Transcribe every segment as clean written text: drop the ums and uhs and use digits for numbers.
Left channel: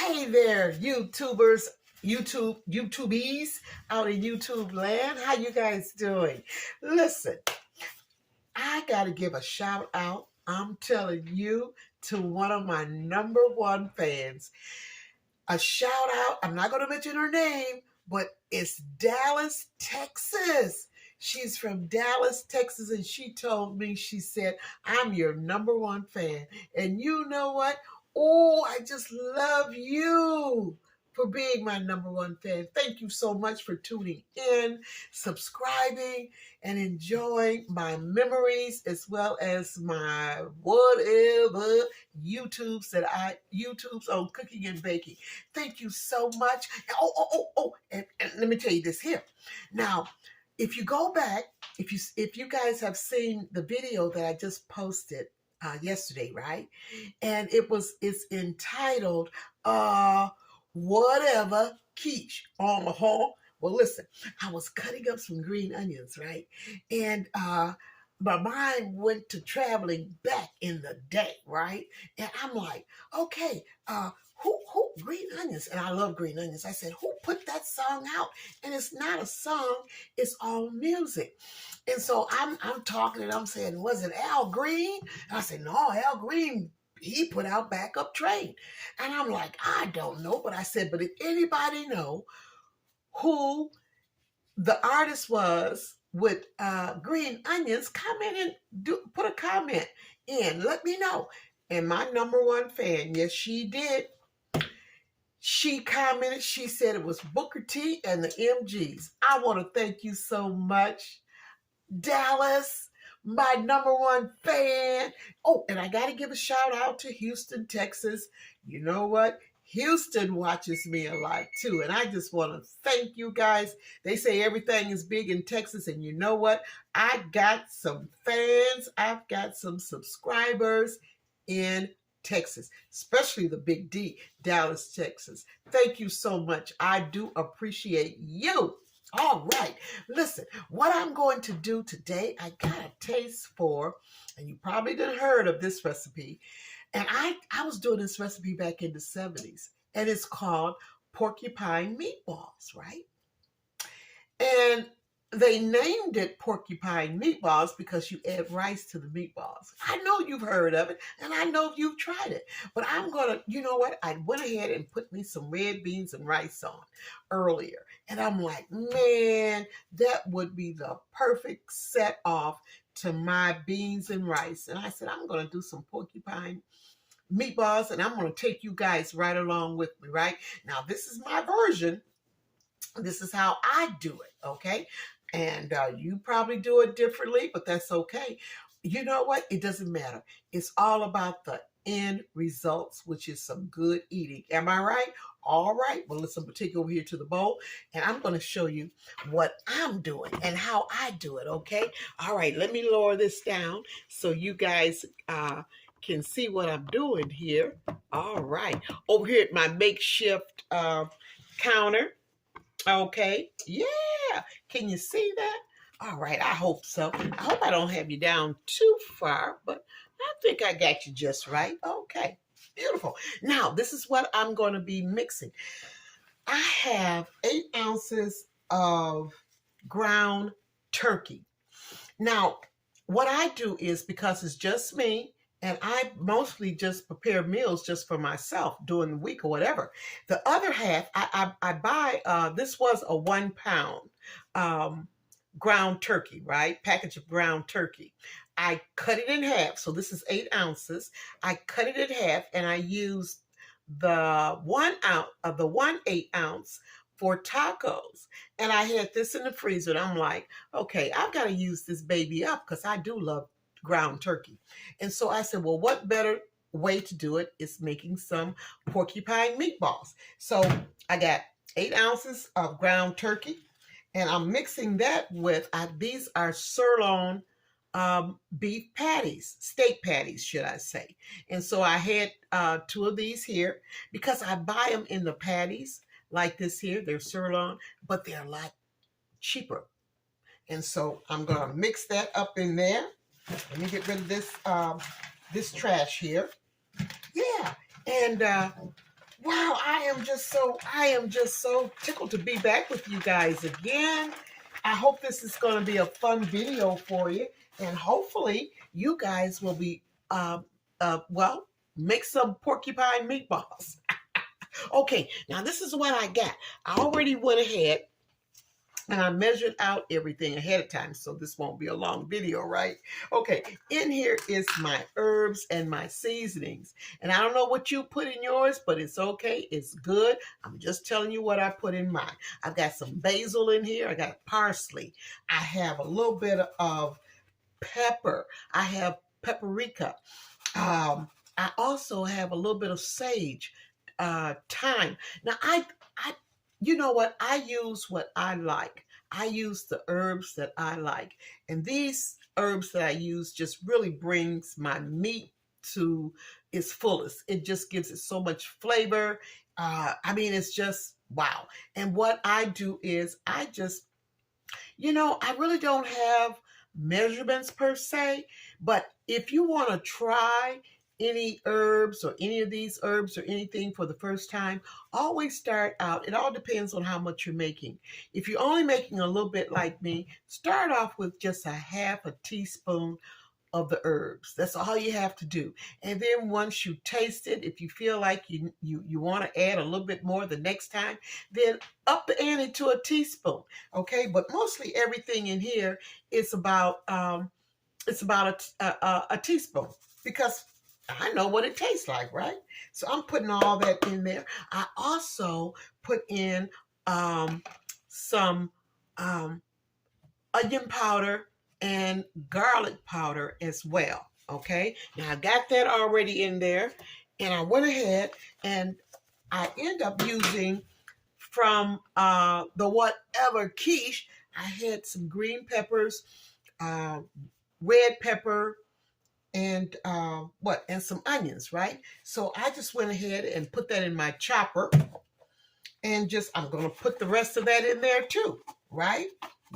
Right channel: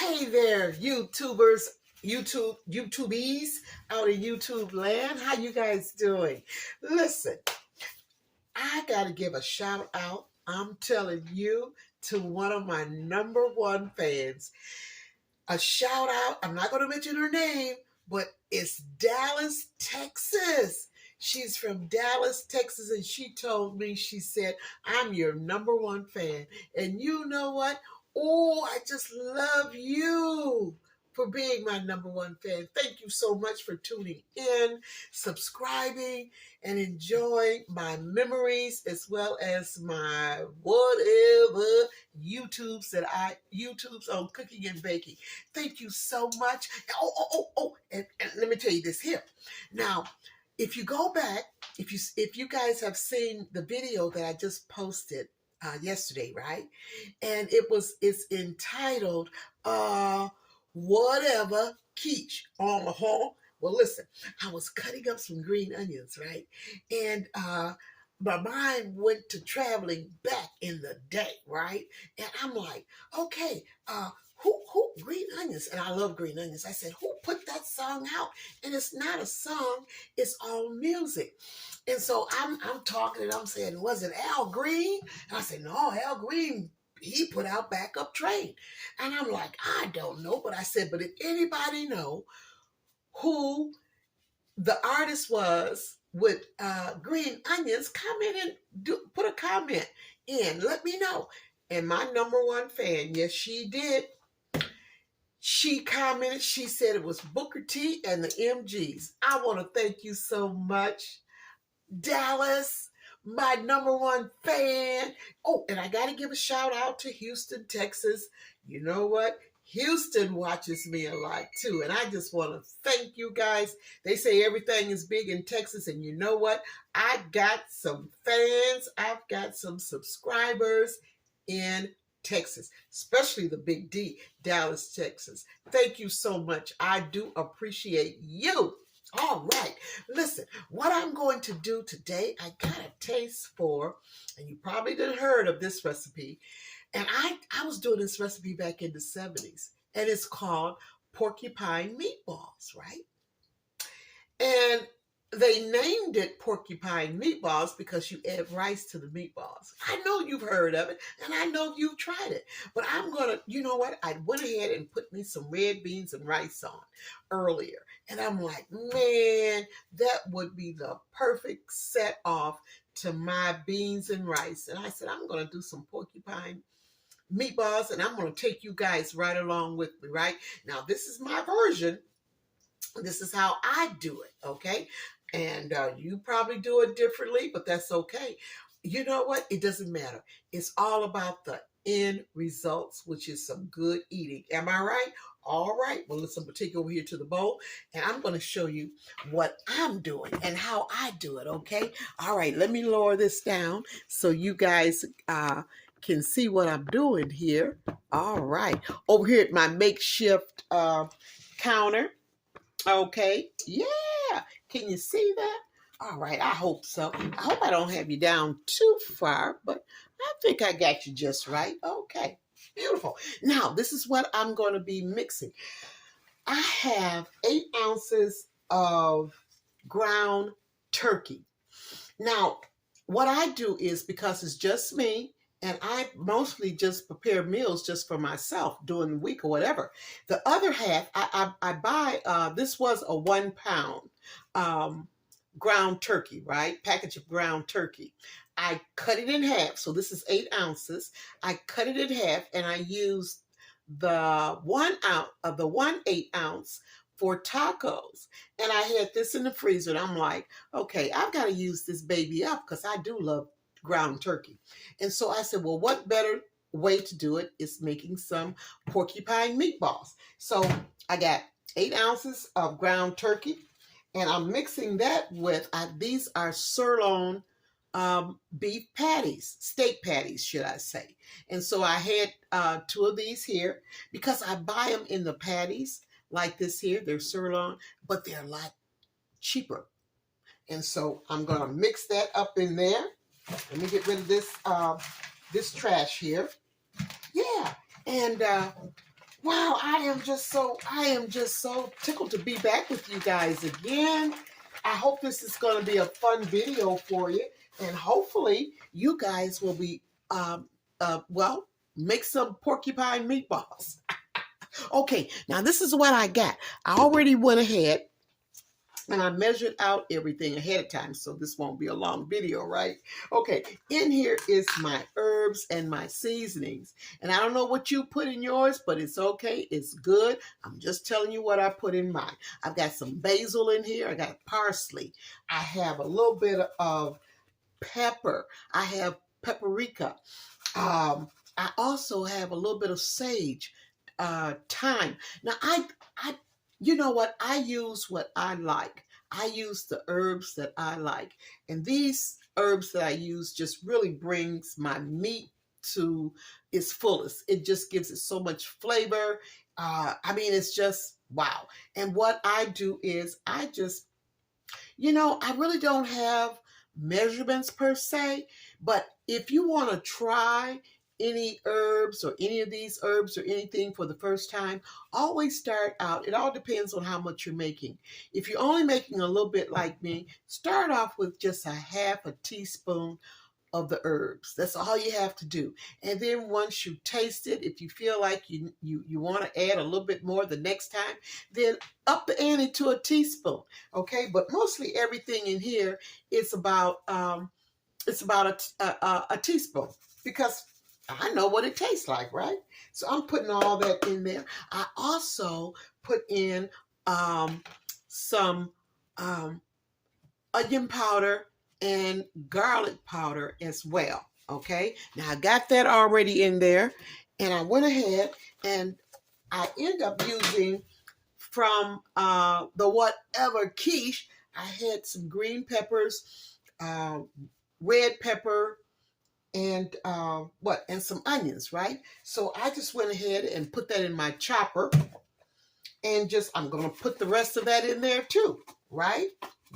Hey there, YouTubers, YouTubies out in YouTube land. How you guys doing? Listen, I got to give a shout out. I'm telling you to one of my number one fans. A shout out. I'm not going to mention her name, but it's Dallas, Texas. She's from Dallas, Texas, and she told me, she said, I'm your number one fan. And you know what? Oh, I just love you for being my number one fan. Thank you so much for tuning in, subscribing, and enjoying my memories as well as my whatever YouTube's on cooking and baking. Thank you so much. And let me tell you this here. Now, if you go back, if you guys have seen the video that I just posted yesterday, right? And it's entitled whatever quiche on the hall. Well, listen, I was cutting up some green onions, right? And my mind went to traveling back in the day, right? And I'm like, okay, who green onions? And I love green onions. I said, who put that song out? And it's not a song, it's all music. And so I'm talking and I'm saying, was it Al Green? And I said, no, Al Green, he put out Backup Train. And I'm like, I don't know. But I said, but if anybody know who the artist was with green onions, come in and put a comment in. Let me know. And my number one fan, yes, she did. She commented, she said it was Booker T and the MGs. I want to thank you so much, Dallas, my number one fan. Oh, and I got to give a shout out to Houston, Texas. You know what? Houston watches me a lot too. And I just want to thank you guys. They say everything is big in Texas. And you know what? I got some fans. I've got some subscribers in Texas, especially the Big D, Dallas, Texas. Thank you so much. I do appreciate you. All right. Listen, what I'm going to do today, I got a taste for, and you probably didn't heard of this recipe. And I was doing this recipe back in the 70s, and it's called Porcupine Meatballs, right? And they named it Porcupine Meatballs because you add rice to the meatballs. I know you've heard of it, and I know you've tried it. But I'm going to, you know what? I went ahead and put me some red beans and rice on earlier. And I'm like, man, that would be the perfect set off to my beans and rice. And I said, I'm going to do some porcupine meatballs, and I'm going to take you guys right along with me, right? Now, this is my version. This is how I do it, okay? And you probably do it differently, but that's okay. You know what? It doesn't matter. It's all about the end results, which is some good eating. Am I right? All right. Well, listen, take over here to the bowl, and I'm going to show you what I'm doing and how I do it, okay? All right. Let me lower this down so you guys can see what I'm doing here. All right. Over here at my makeshift counter. Okay. Yeah. Can you see that? All right. I hope so. I hope I don't have you down too far, but I think I got you just right. Okay. Beautiful. Now, this is what I'm going to be mixing. I have 8 ounces of ground turkey. Now, what I do is, because it's just me, and I mostly just prepare meals just for myself during the week or whatever. The other half, I buy, this was a 1 pound ground turkey, right? Package of ground turkey. I cut it in half. So this is 8 ounces. I cut it in half, and I used the 1 ounce of the 1/8 ounce for tacos. And I had this in the freezer, and I'm like, okay, I've got to use this baby up because I do love ground turkey. And so I said, well, what better way to do it is making some porcupine meatballs. So I got 8 ounces of ground turkey, and I'm mixing that with, these are sirloin beef patties, steak patties, should I say. And so I had 2 of these here because I buy them in the patties like this here. They're sirloin, but they're a lot cheaper. And so I'm going to mix that up in there. Let me get rid of this this trash here. Yeah. And Wow, I am just so tickled to be back with you guys again. I hope this is going to be a fun video for you, and hopefully you guys will be well, make some porcupine meatballs. Okay, now this is what I got. I already went ahead and I measured out everything ahead of time, so this won't be a long video, right? Okay, in here is my herbs and my seasonings. And I don't know what you put in yours, but it's okay. It's good. I'm just telling you what I put in mine. I've got some basil in here. I got parsley. I have a little bit of pepper. I have paprika. I also have a little bit of sage, thyme. Now, I, you know what? I use what I like. I use the herbs that I like, and these herbs that I use just really brings my meat to its fullest. It just gives it so much flavor. I mean, it's just wow. And what I do is I just, I really don't have measurements per se, but if you want to try any herbs or any of these herbs or anything for the first time, always start out. It all depends on how much you're making. If you're only making a little bit like me, start off with just a half a teaspoon of the herbs. That's all you have to do. And then once you taste it, if you feel like you want to add a little bit more the next time, then up the ante to a teaspoon. Okay, but mostly everything in here is about a teaspoon, because I know what it tastes like, right? So I'm putting all that in there. I also put in some onion powder and garlic powder as well. Okay, now I got that already in there, and I went ahead and I end up using from the whatever quiche. I had some green peppers, red pepper, and and some onions, right? So I just went ahead and put that in my chopper, and I'm gonna put the rest of that in there too, right?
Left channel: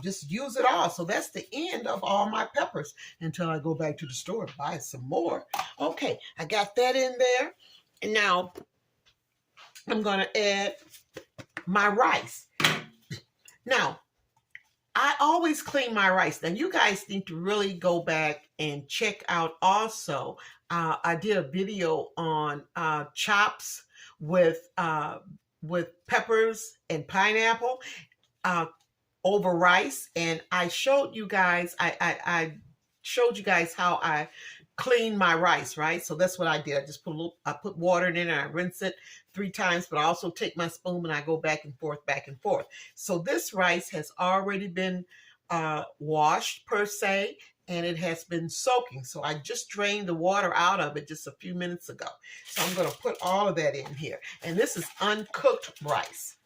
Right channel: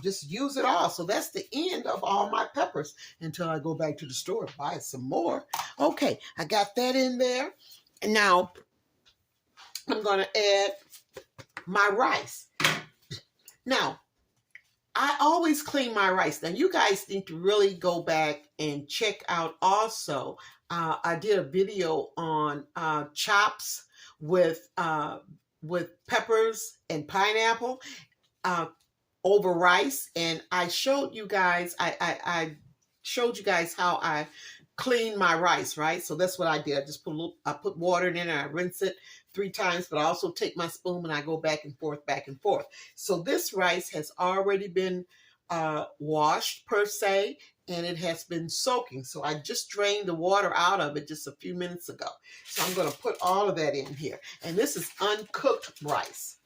Just use it all. So that's the end of all my peppers until I go back to the store and buy some more. Okay, I got that in there. And now I'm gonna add my rice. Now, I always clean my rice. Now, you guys need to really go back and check out also. I did a video on chops with peppers and pineapple over rice, and I showed you guys. I showed you guys how I clean my rice, right? So that's what I did. I just put water in it, and I rinse it 3 times, but I also take my spoon and I go back and forth, back and forth. So this rice has already been washed per se, and it has been soaking. So I just drained the water out of it just a few minutes ago. So I'm going to put all of that in here. And this is uncooked rice.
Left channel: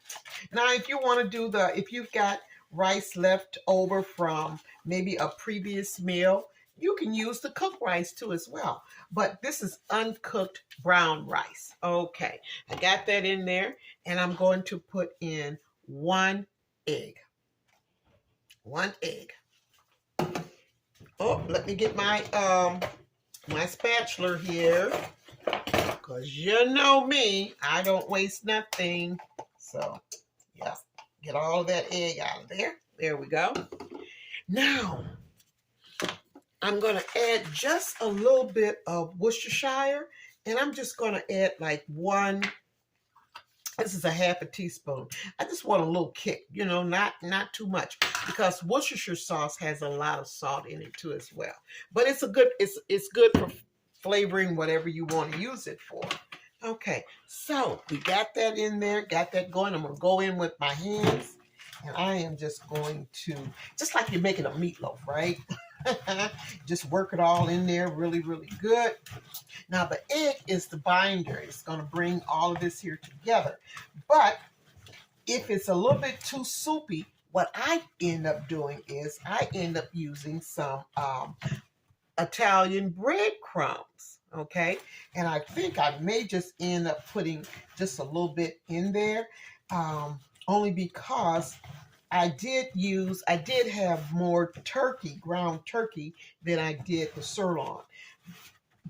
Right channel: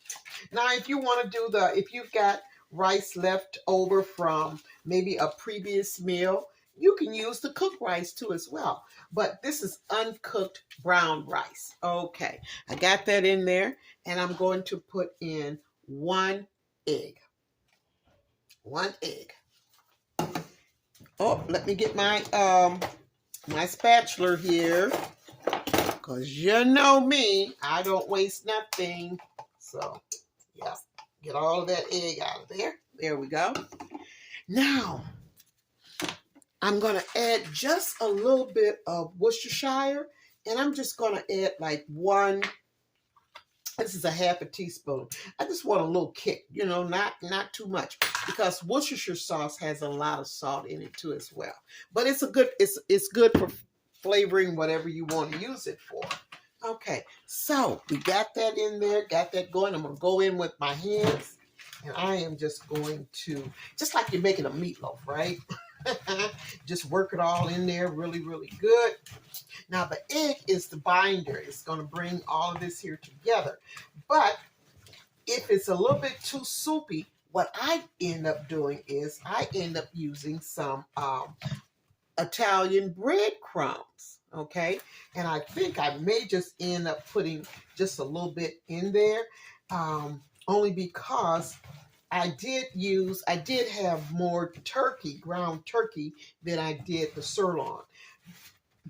Now, if you want to do if you've got rice left over from maybe a previous meal, you can use the cooked rice too as well. But this is uncooked brown rice. Okay, I got that in there, and I'm going to put in 1 egg. 1 egg. Oh, let me get my my spatula here, because you know me, I don't waste nothing. So, yeah, get all of that egg out of there. There we go. Now, I'm going to add just a little bit of Worcestershire, and I'm just going to add like this is a half a teaspoon. I just want a little kick, not too much, because Worcestershire sauce has a lot of salt in it too as well. But it's good for flavoring whatever you want to use it for. Okay, so we got that in there, got that going. I'm going to go in with my hands, and I am just going to, just like you're making a meatloaf, right? Just work it all in there really, really good. Now, the egg is the binder. It's going to bring all of this here together. But if it's a little bit too soupy, what I end up doing is I end up using some Italian breadcrumbs, okay? And I think I may just end up putting just a little bit in there, only because I did have more ground turkey, than I did the sirloin.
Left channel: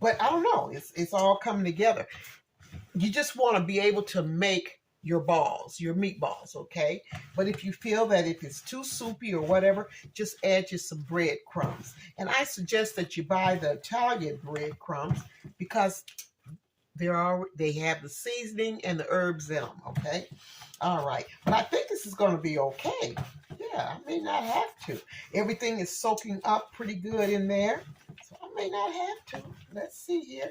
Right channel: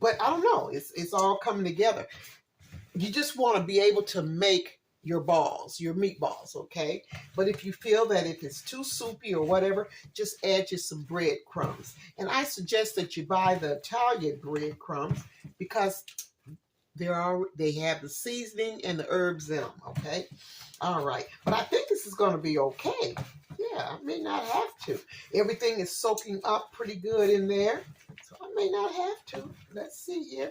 But I don't know, it's all coming together. you just want to be able to make your balls, your meatballs, okay? But if you feel that if it's too soupy or whatever, just add just some breadcrumbs. And I suggest that you buy the Italian breadcrumbs because they have the seasoning and the herbs in them, okay? All right, but I think this is going to be okay. Yeah, I may not have to. Everything is soaking up pretty good in there, so I may not have to. Let's see here.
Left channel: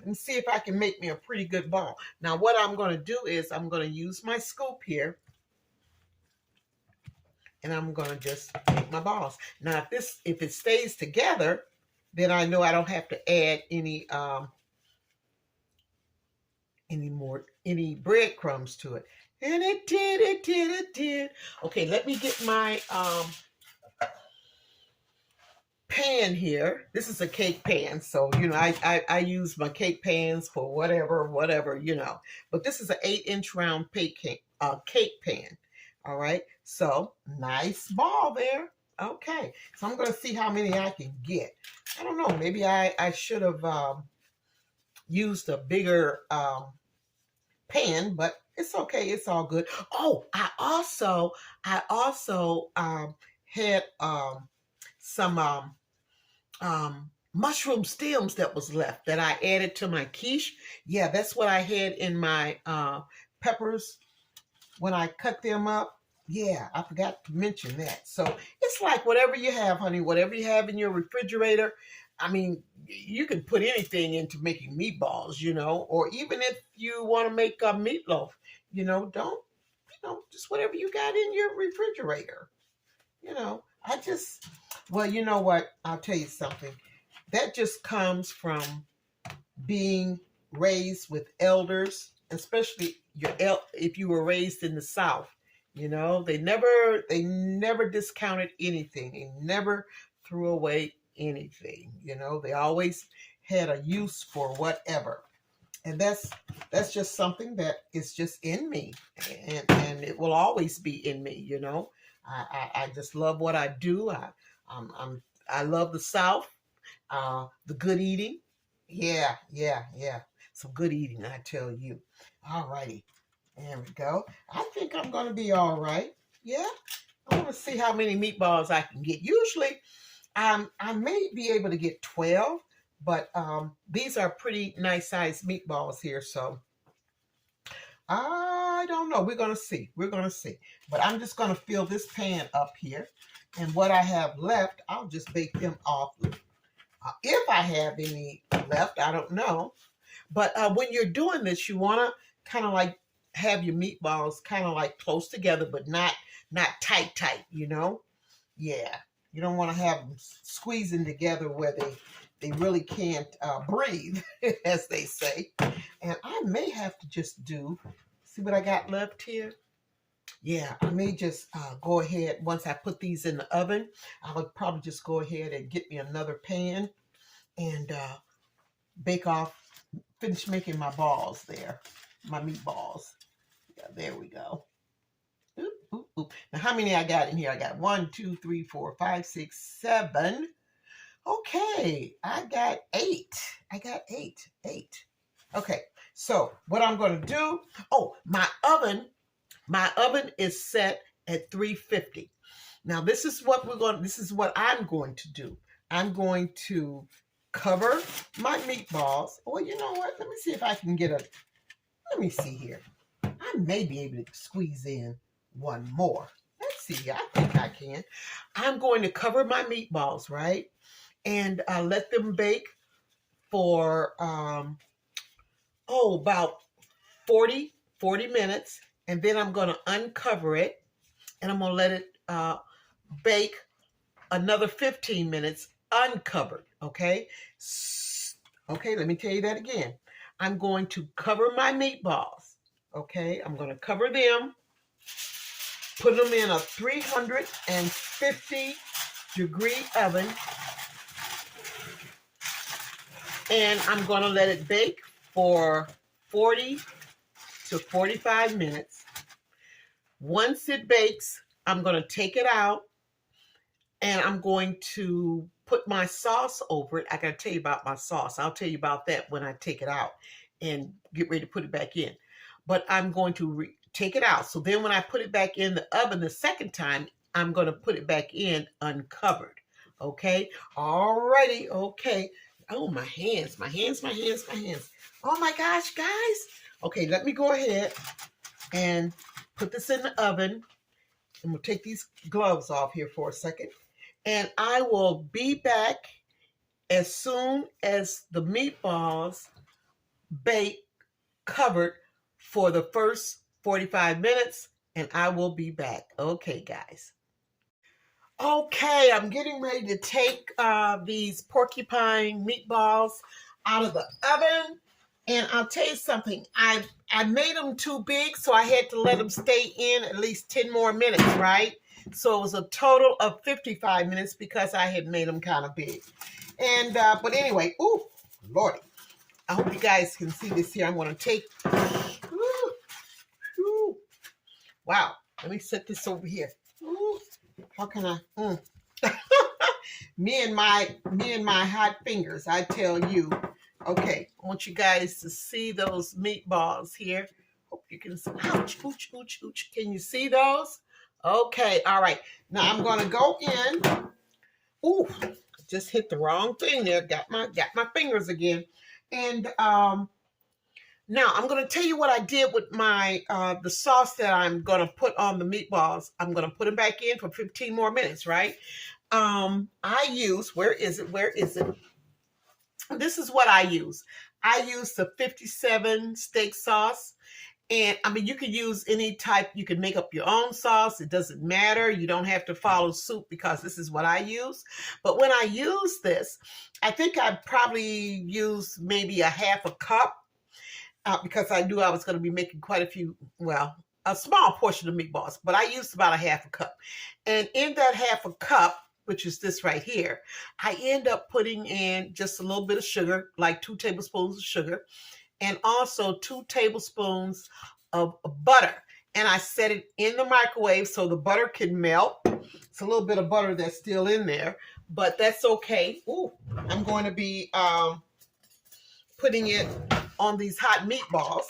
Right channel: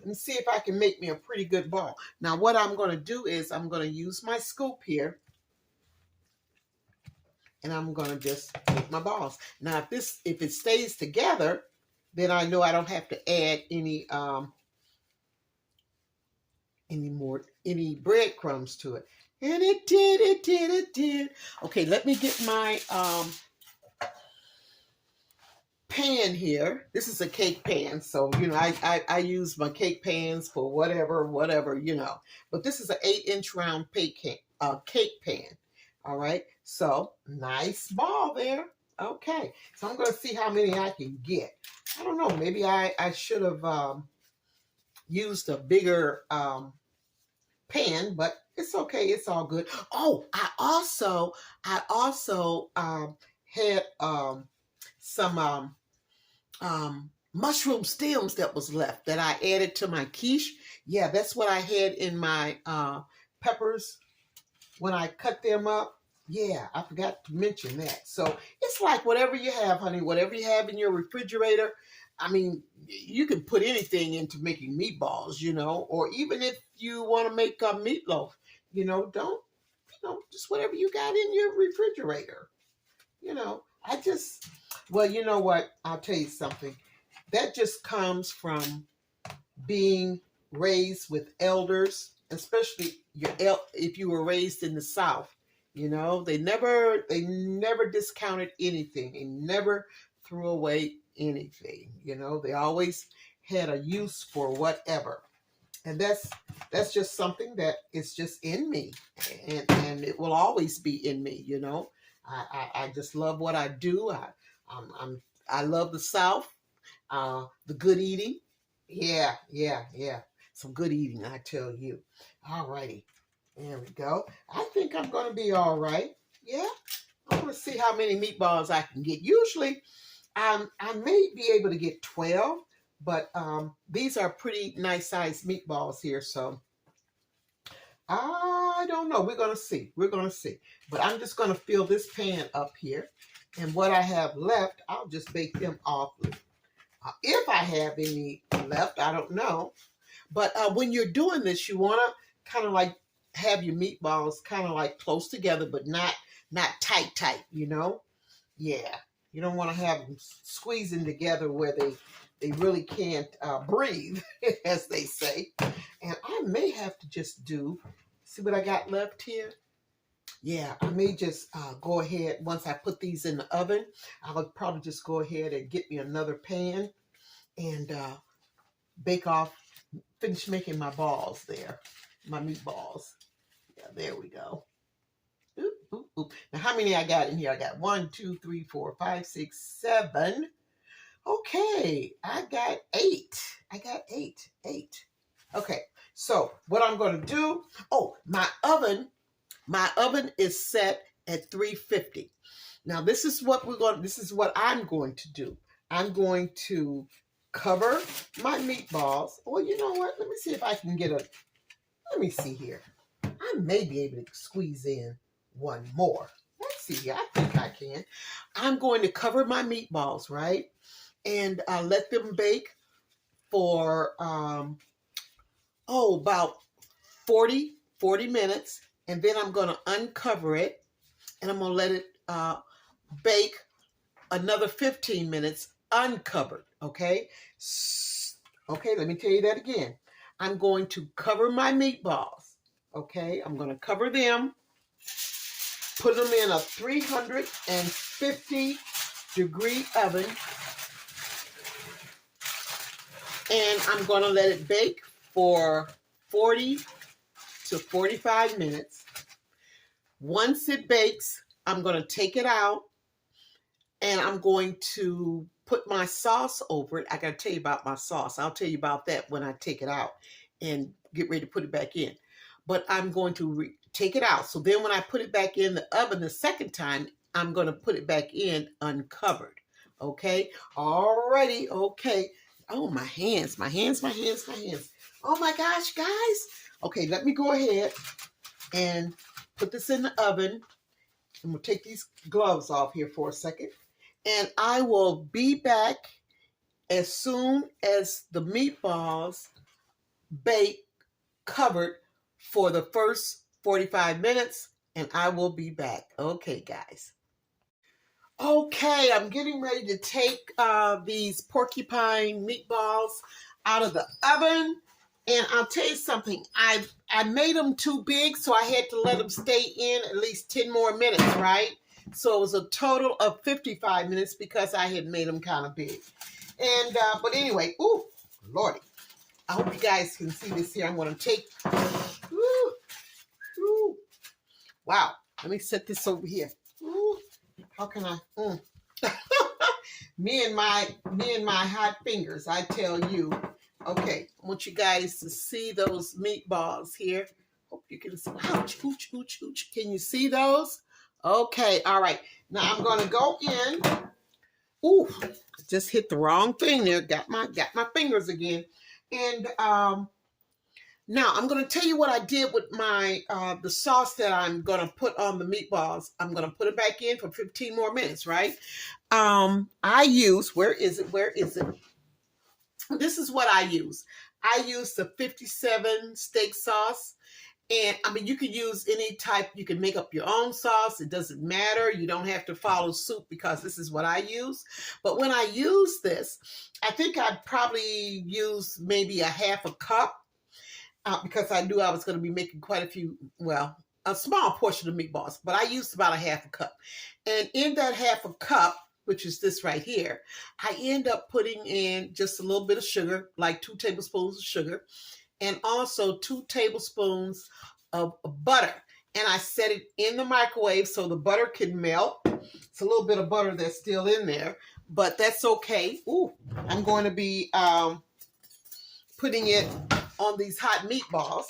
Let me see if I can make me a pretty good ball. Now, what I'm going to do is I'm going to use my scoop here, and I'm going to just make my balls. Now, if it stays together, then I know I don't have to add any breadcrumbs to it. And it did. Okay, let me get my pan here. This is a cake pan, so you know I use my cake pans for whatever, you know. But this is an 8-inch round cake pan. All right, so nice ball there. Okay, so I'm gonna see how many I can get. I don't know, maybe I should have used a bigger pan, but it's okay. It's all good. Oh, I also had some mushroom stems that was left that I added to my quiche. Yeah, that's what I had in my peppers when I cut them up. Yeah, I forgot to mention that. So it's like whatever you have, honey, whatever you have in your refrigerator. I mean, you can put anything into making meatballs, you know, or even if you want to make a meatloaf, you know, just whatever you got in your refrigerator. You know, well, you know what? I'll tell you something. That just comes from being raised with elders, especially if you were raised in the South. You know, they never discounted anything. They never threw away anything. You know, they always had a use for whatever. And that's just something that is just in me, and it will always be in me. You know, I just love what I do. I love the South, the good eating. Yeah. Some good eating, I tell you. All righty. There we go. I think I'm going to be all right. Yeah. I want to see how many meatballs I can get. Usually, I may be able to get 12, but these are pretty nice sized meatballs here. So I don't know. We're going to see. But I'm just going to fill this pan up here. And what I have left, I'll just bake them off. If I have any left, I don't know. But when you're doing this, you want to kind of like have your meatballs kind of like close together, but not tight, you know? Yeah. You don't want to have them squeezing together where they really can't breathe, as they say. And I may have to just see what I got left here? Yeah, I may just go ahead, once I put these in the oven, I would probably just go ahead and get me another pan and finish making my balls there, my meatballs. Yeah, there we go. Oop, oop, oop. Now, how many I got in here? I got 1, 2, 3, 4, 5, 6, 7. Okay, I got 8. Okay, so what I'm going to do, my oven is set at 350. Now, this is what I'm going to do. I'm going to cover my meatballs. Oh, you know what? Let me see if I can let me see here. I may be able to squeeze in one more. Let's see. I think I can. I'm going to cover my meatballs, right? And let them bake for, about 40 minutes. And then I'm going to uncover it. And I'm going to let it bake another 15 minutes uncovered, okay? Okay, let me tell you that again. I'm going to cover my meatballs, okay? I'm going to cover them, put them in a 350-degree oven, and I'm going to let it bake for 40 to 45 minutes. Once it bakes, I'm going to take it out, and I'm going to put my sauce over it. I got to tell you about my sauce. I'll tell you about that when I take it out. and get ready to put it back in. But I'm going to take it out. So then when I put it back in the oven the second time, I'm going to put it back in uncovered. Okay. Alrighty. Okay. Oh, my hands, my hands, my hands, my hands. Oh my gosh, guys. Okay, let me go ahead and put this in the oven. And we'll take these gloves off here for a second. And I will be back as soon as the meatballs bake covered for the first 45 minutes. And I will be back. Okay, guys. Okay, I'm getting ready to take these porcupine meatballs out of the oven. And I'll tell you something, I made them too big, so I had to let them stay in at least 10 more minutes, right? So it was a total of 55 minutes because I had made them kind of big. And, but anyway, ooh, Lordy. I hope you guys can see this here. I'm going to take, wow, let me set this over here. Ooh, how can I, me and my hot fingers, I tell you. Okay, I want you guys to see those meatballs here. Hope you can see. Ouch, ooch, ooch, ooch. Can you see those? Okay, all right. Now I'm gonna go in. Ooh, just hit the wrong thing there. Got my fingers again. And now I'm gonna tell you what I did with my the sauce that I'm gonna put on the meatballs. I'm gonna put them back in for 15 more minutes, right? I use, where is it? Where is it? This is what I use. I use the 57 steak sauce. And I mean, you can use any type. You can make up your own sauce. It doesn't matter. You don't have to follow suit because this is what I use. But when I use this, I think I probably use maybe a half a cup because I knew I was going to be making quite a few, well, a small portion of meatballs. But I used about a half a cup. And in that half a cup, which is this right here, I end up putting in just a little bit of sugar, like 2 tablespoons of sugar, and also 2 tablespoons of butter. And I set it in the microwave so the butter can melt. It's a little bit of butter that's still in there, but that's okay. Ooh, I'm going to be putting it on these hot meatballs.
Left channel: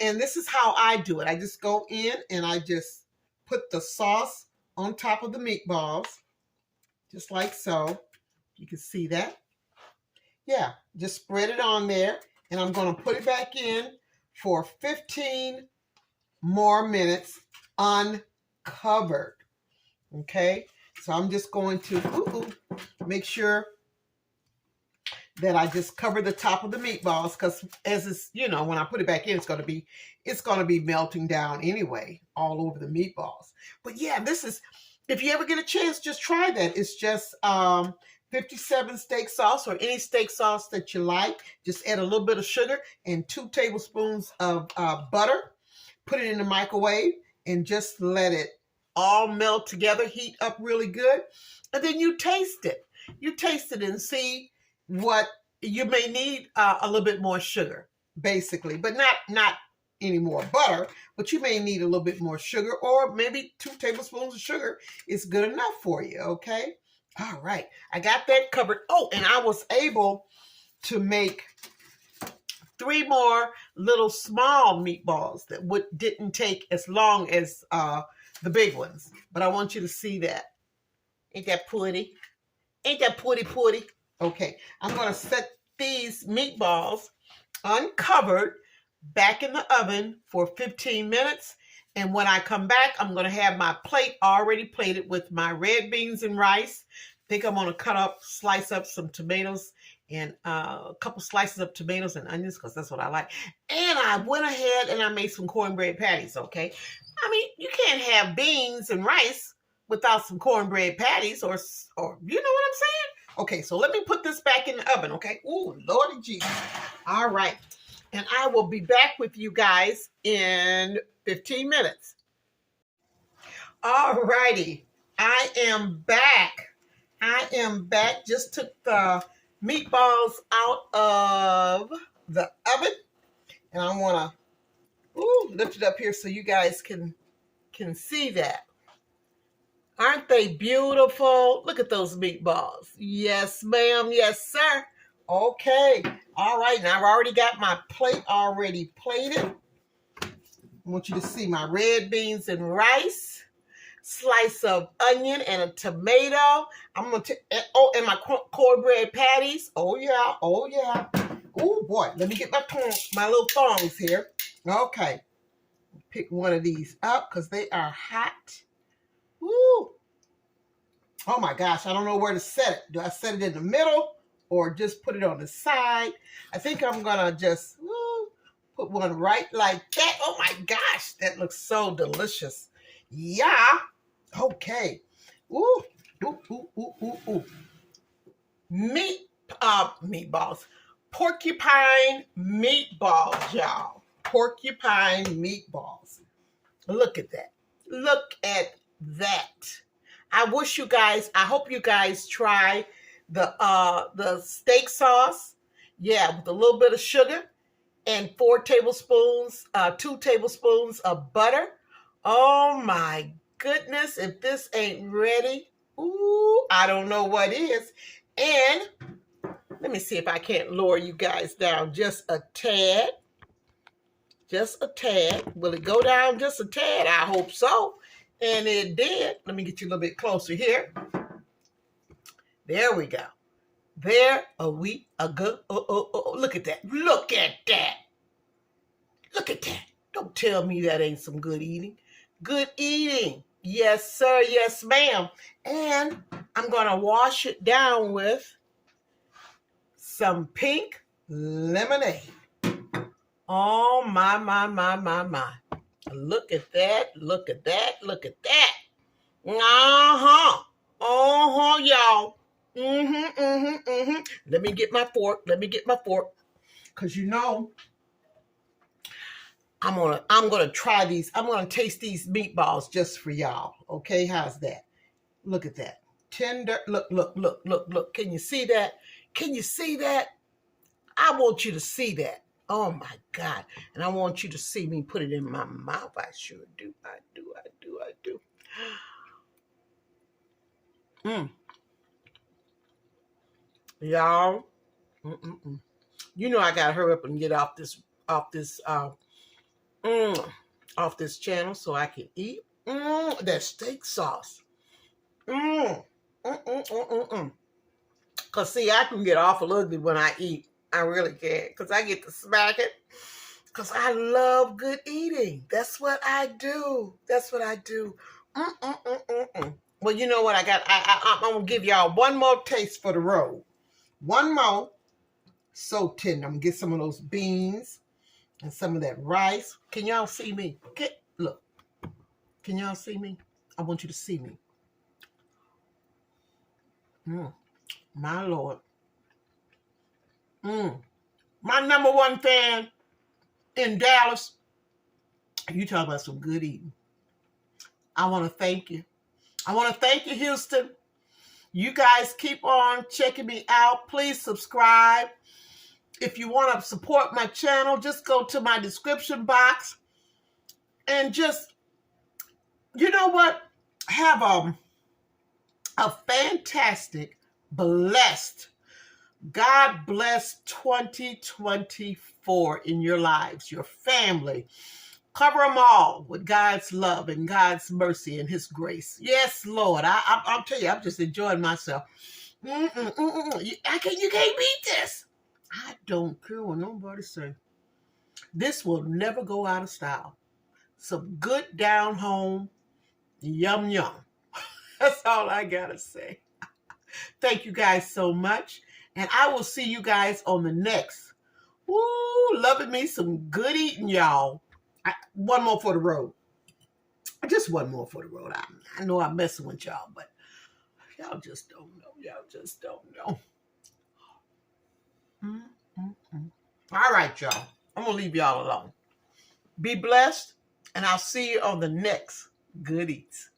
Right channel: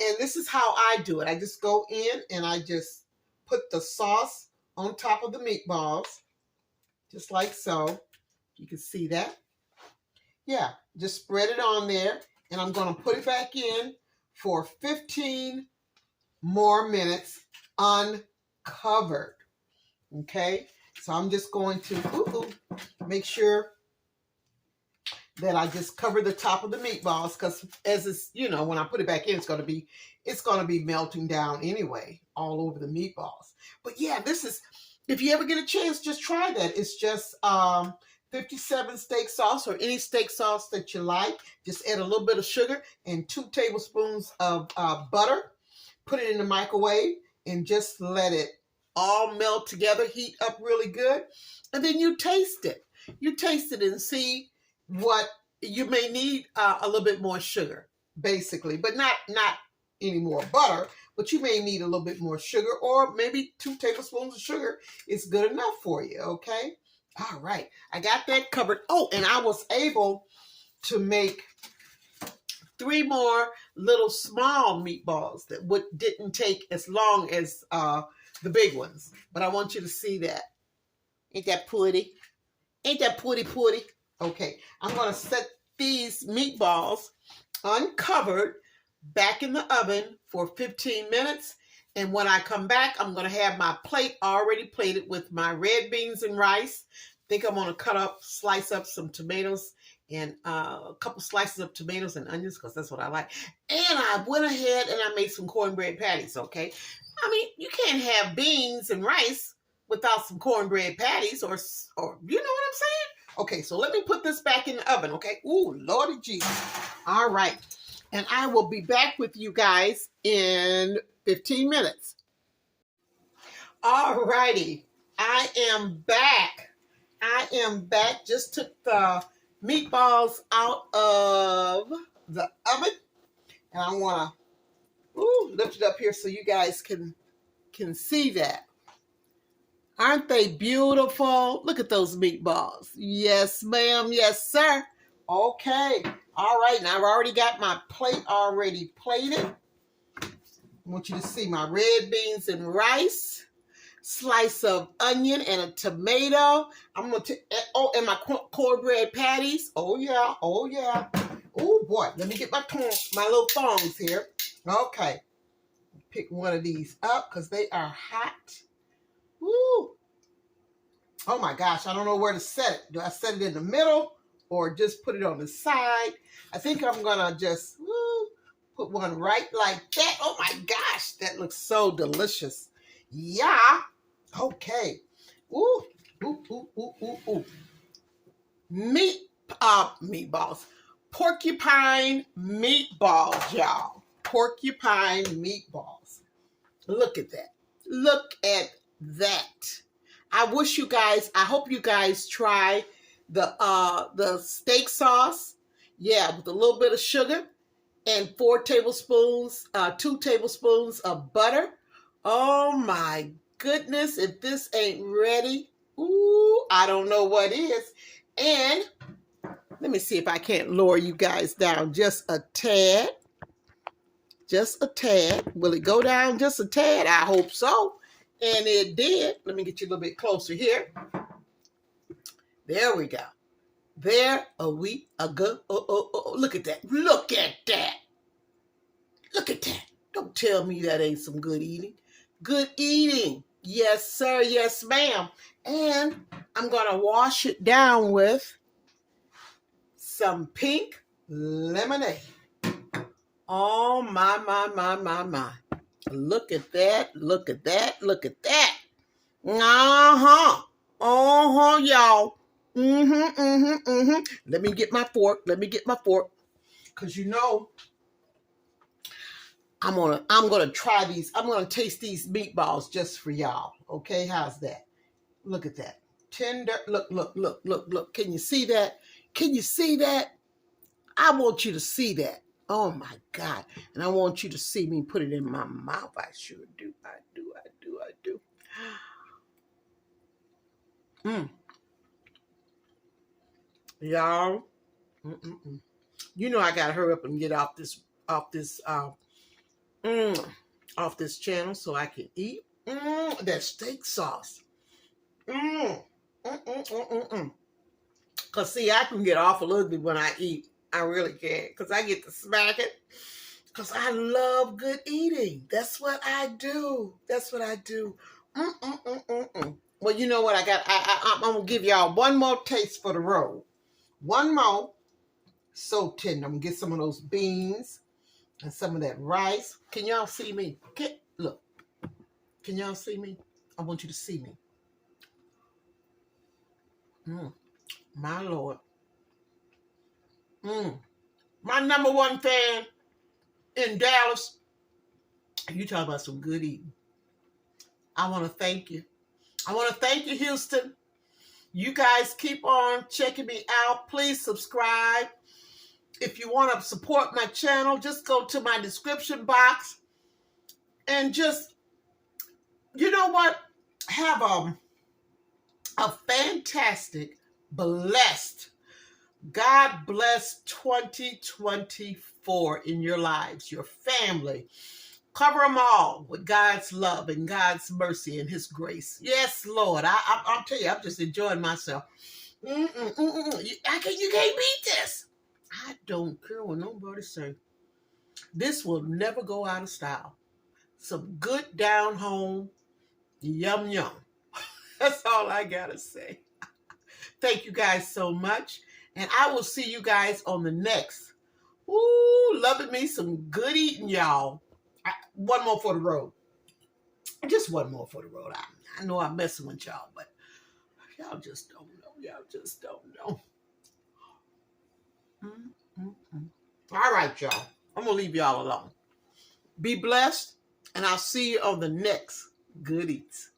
And this is how I do it. I just go in and I just put the sauce on top of the meatballs, just like so. You can see that. Yeah, just spread it on there, and I'm going to put it back in for 15 more minutes uncovered. Okay, so I'm just going to make sure that I just cover the top of the meatballs because, as it's, you know, when I put it back in, it's going to be melting down anyway, all over the meatballs. But yeah, this is, if you ever get a chance, just try that. It's just 57 steak sauce or any steak sauce that you like. Just add a little bit of sugar and 2 tablespoons of butter. Put it in the microwave and just let it all melt together, heat up really good. And then you taste it. You taste it and see what you may need. A little bit more sugar, basically, but not any more butter, but you may need a little bit more sugar, or maybe 2 tablespoons of sugar is good enough for you. Okay. All right. I got that covered. Oh, and I was able to make 3 more little small meatballs that didn't take as long as the big ones. But I want you to see that. Ain't that pretty? Ain't that pretty? Okay. I'm going to set these meatballs uncovered back in the oven for 15 minutes. And when I come back, I'm going to have my plate already plated with my red beans and rice. I think I'm going to slice up some tomatoes and a couple slices of tomatoes and onions because that's what I like. And I went ahead and I made some cornbread patties, okay? I mean, you can't have beans and rice without some cornbread patties or you know what I'm saying? Okay, so let me put this back in the oven, okay? Ooh, Lordy Jesus. All right. And I will be back with you guys in 15 minutes. All righty. I am back. Just took the meatballs out of the oven. And I want to lift it up here so you guys can see that. Aren't they beautiful? Look at those meatballs. Yes, ma'am. Yes, sir. Okay. All right, now I've already got my plate already plated. I want you to see my red beans and rice, slice of onion and a tomato. I'm going to take, oh, and my cornbread patties. Oh, yeah. Oh, yeah. Oh, boy. Let me get my little thongs here. Okay. Pick one of these up because they are hot. Woo. Oh, my gosh. I don't know where to set it. Do I set it in the middle or just put it on the side? I think I'm going to just put one right like that. Oh, my gosh. That looks so delicious. Yeah. Okay. Ooh, ooh, ooh, ooh, ooh, ooh. Meatballs. Porcupine meatballs, y'all. Porcupine meatballs. Look at that. Look at that. I hope you guys try the steak sauce. Yeah, with a little bit of sugar and 2 tablespoons of butter. Oh my goodness, if this ain't ready, ooh, I don't know what is. And let me see if I can't lower you guys down just a tad. Just a tad. Will it go down just a tad? I hope so. And it did. Let me get you a little bit closer here. There we go. There we go. Oh, look at that. Look at that. Look at that. Don't tell me that ain't some good eating. Good eating. Yes, sir. Yes, ma'am. And I'm going to wash it down with some pink lemonade. Oh, my. Look at that. Look at that. Look at that. Uh-huh. Uh-huh, y'all. Let me get my fork. Because you know, I'm gonna try these. I'm gonna taste these meatballs just for y'all. Okay, how's that? Look at that. Tender. Look. Can you see that? Can you see that? I want you to see that. Oh my God. And I want you to see me put it in my mouth. I sure do. I do. Y'all. You know I gotta hurry up and get off this channel so I can eat that steak sauce. Cause see, I can get awful ugly when I eat. I really can, cause I get to smack it. Cause I love good eating. That's what I do. Well, you know what I got? I'm gonna give y'all one more taste for the road. One more. So tender. I'm gonna get some of those beans and some of that rice. Can y'all see me? Okay, look. Can y'all see me? I want you to see me. My Lord. My number one fan in Dallas. You talk about some good eating. I want to thank you. Houston. You guys keep on checking me out. Please subscribe. If you want to support my channel, just go to my description box and just, you know what? Have a fantastic, blessed, God bless 2024 in your lives, your family. Cover them all with God's love and God's mercy and His grace. Yes, Lord. I'll tell you, I'm just enjoying myself. You can't beat this. I don't care what nobody say. This will never go out of style. Some good down home, yum. That's all I gotta say. Thank you guys so much. And I will see you guys on the next. Loving me some good eating, y'all. One more for the road. Just one more for the road. I know I'm messing with y'all, but y'all just don't know. All right, y'all. I'm going to leave y'all alone. Be blessed, and I'll see you on the next Good Eats.